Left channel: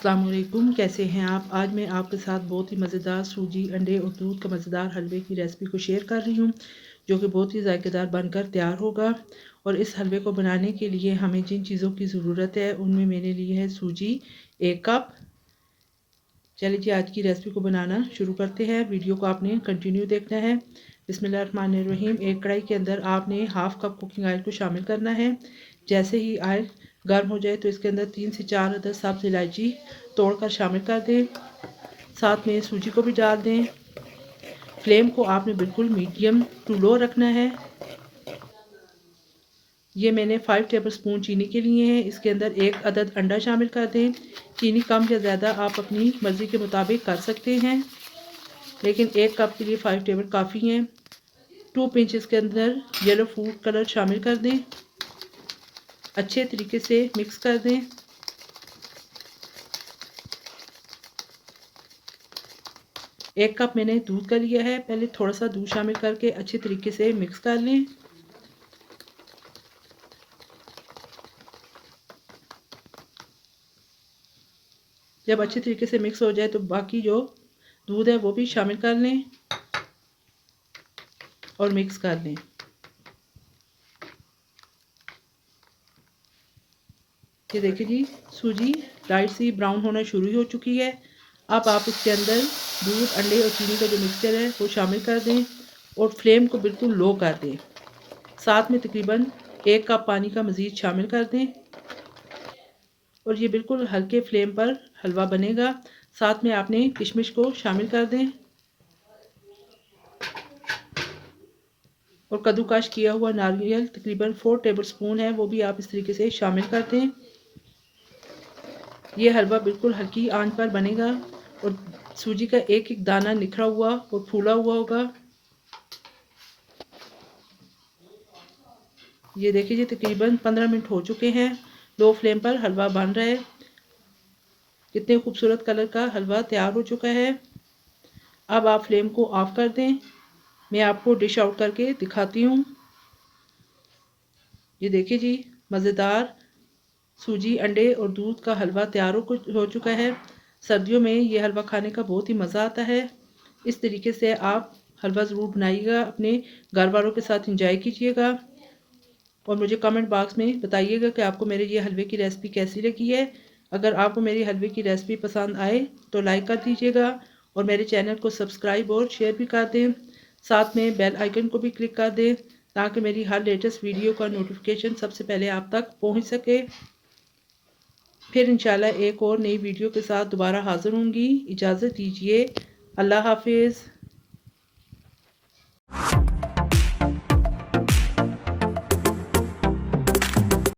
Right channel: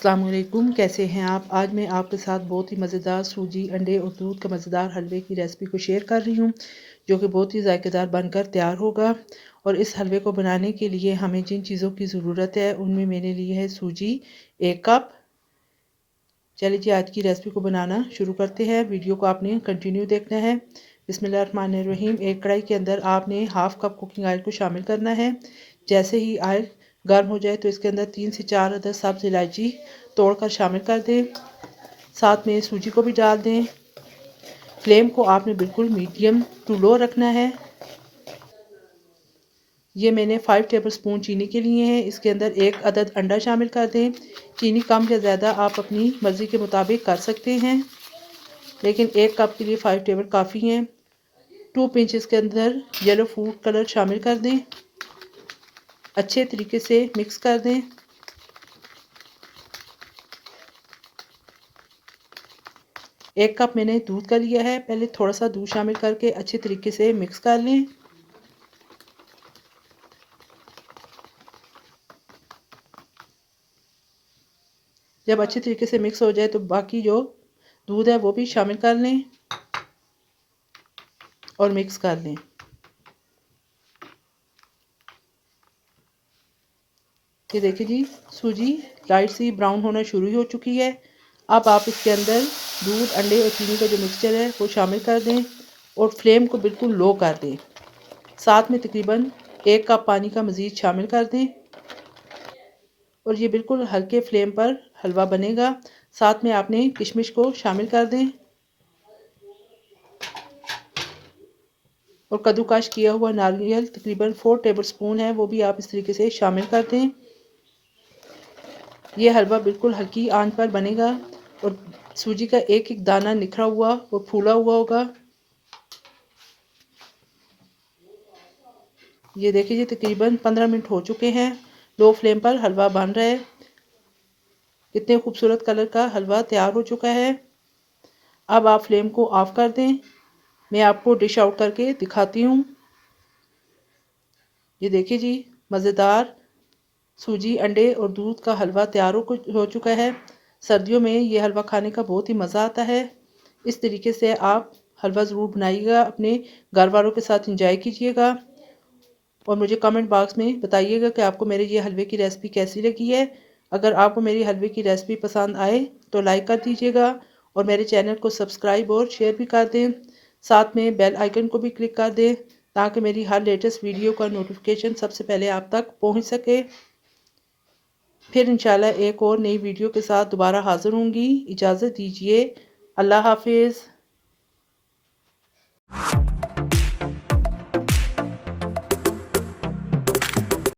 अस्सलाम वालेकुम, कैसे हैं आप। आज मैं आपके साथ बहुत ही मज़ेदार सूजी अंडे और दूध का मज़ेदार हलवे की रेसिपी को शेयर कर रही हूँ, जो कि बहुत ही ज़ायकेदार बनकर तैयार होगा। और इस हलवे को बनाने के लिए हमें जिन चीज़ों की ज़रूरत है उनमें मैंने ली है सूजी 1 कप। चलिए जी, आज की रेसिपी को बनाना शुरू करते हैं। वीडियो को आपने कंटिन्यू देखना है। बिस्मिल्लाहिर्रहमानिर्रहीम। एक कढ़ाई के अंदर आपने हाफ़ कप कुकिंग ऑयल को शामिल करना है। जैसे ही ऑयल गर्म हो जाए तो इसके अंदर 3 से 4 अदद सब्ज़ इलायची तोड़कर शामिल कर दें। साथ में सूजी को भी डाल दें। फ्लेम को आपने बिल्कुल मीडियम टू लो रखना है। ये मैंने 5 टेबलस्पून चीनी के लिए हैं। इसके अंदर 1 अदद अंडा शामिल कर दें। चीनी कम या ज़्यादा आप अपनी मर्ज़ी के मुताबिक कर सकते हैं, लेकिन 1 कप के लिए 5 टेबल काफ़ी हैं। 2 पिंच इसके अंदर येलो फूड कलर शामिल कर दें। अच्छे तरीके से मिक्स कर दें। एक कप मैंने दूध का लिया है। पहले थोड़ा सा दूध शामिल करके अच्छे तरीके से मिक्स कर लें। जब अच्छे तरीके से मिक्स हो जाए तो बाकी जो दूध है वो भी शामिल कर लें और मिक्स कर लें। ये देखिए जी, सूजी लाइट सी ब्राउन होना शुरू हो चुकी है। अब आप इसके अंदर दूध, अंडे और चीनी का जो मिक्सचर है वो शामिल कर दें और फ्लेम को बिल्कुल लो कर दें। साथ में तकरीबन 1 कप पानी का मज़ीद शामिल कर दें और ये बिल्कुल हल्के फ्लेम पर हलवा बनेगा। साथ में आपने किशमिश को शामिल कर दें और कद्दूकश किया हुआ नारियल तकरीबन 4 टेबलस्पून है, वो भी आप इस तरीके से शामिल कर दें। ये हलवा बिल्कुल हल्की आंच पर बनेगा और सूजी का एक एक दाना निखरा हुआ और फूला हुआ होगा। ये देखिए जी, तकरीबन 15 मिनट हो चुके हैं। लो फ्लेम पर हलवा बन रहा है। कितने खूबसूरत कलर का हलवा तैयार हो चुका है। अब आप फ्लेम को ऑफ कर दें। मैं आपको डिश आउट करके दिखाती हूँ। ये देखिए जी, मज़ेदार सूजी, अंडे और दूध का हलवा तैयार हो चुका है। सर्दियों में ये हलवा खाने का बहुत ही मज़ा आता है। इस तरीके से आप हलवा ज़रूर बनाइएगा, अपने घर वालों के साथ इंजॉय कीजिएगा और मुझे कमेंट बॉक्स में बताइएगा कि आपको मेरे ये हलवे की रेसिपी कैसी लगी है। अगर आपको मेरी हलवे की रेसिपी पसंद आए तो लाइक कर दीजिएगा और मेरे चैनल को सब्सक्राइब और शेयर भी कर दें। साथ में बेल आइकन को भी क्लिक कर दें ताकि मेरी हर लेटेस्ट वीडियो का नोटिफिकेशन सबसे पहले आप तक पहुँच सके। फिर इंशाल्लाह एक और नई वीडियो के साथ दोबारा हाज़िर होंगी। इजाज़त दीजिए। अल्लाह हाफिज़।